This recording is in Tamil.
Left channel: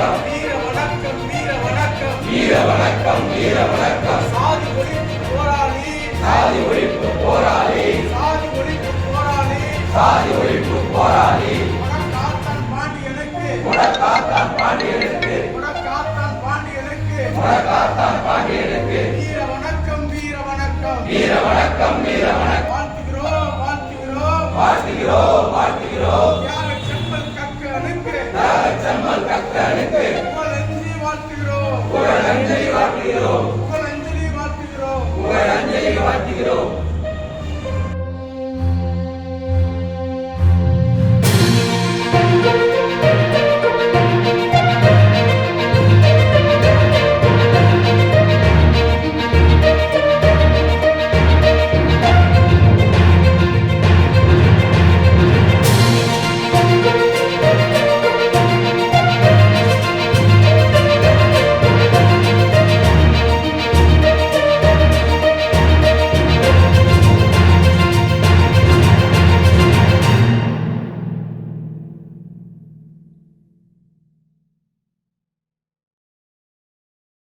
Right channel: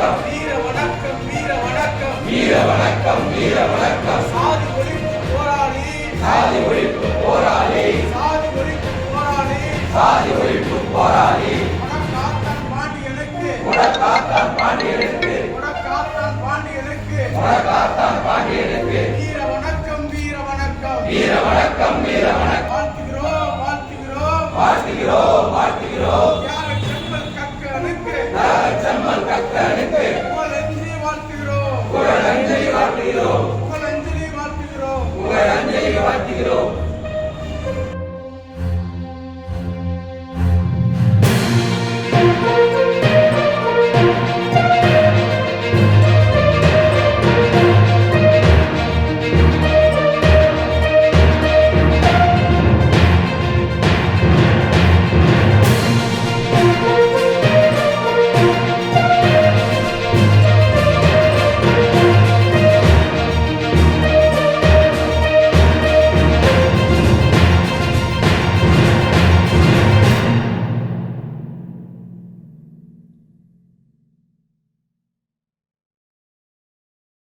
வணக்கம். வீர வணக்கம் வீர வணக்கம். வீர வணக்கம் வீர வணக்கம். சாதி ஒழிப்பு போராளி. சாதி ஒழிப்பு போராளி. சாதி ஒழிப்பு போராளி. சாதி ஒழிப்பு போராளி. உனக்காத்தான் பாண்டியனுக்கு உனக்காத்தான் பாண்டியனுக்கு வணக்கம். வீர வணக்கம் வீர வணக்கம். வாழ்த்துகிறோம் வாழ்த்துகிறோம். வாழ்த்துகிறோம் வாழ்த்துகிறோம். வாழ்த்துகிறோம்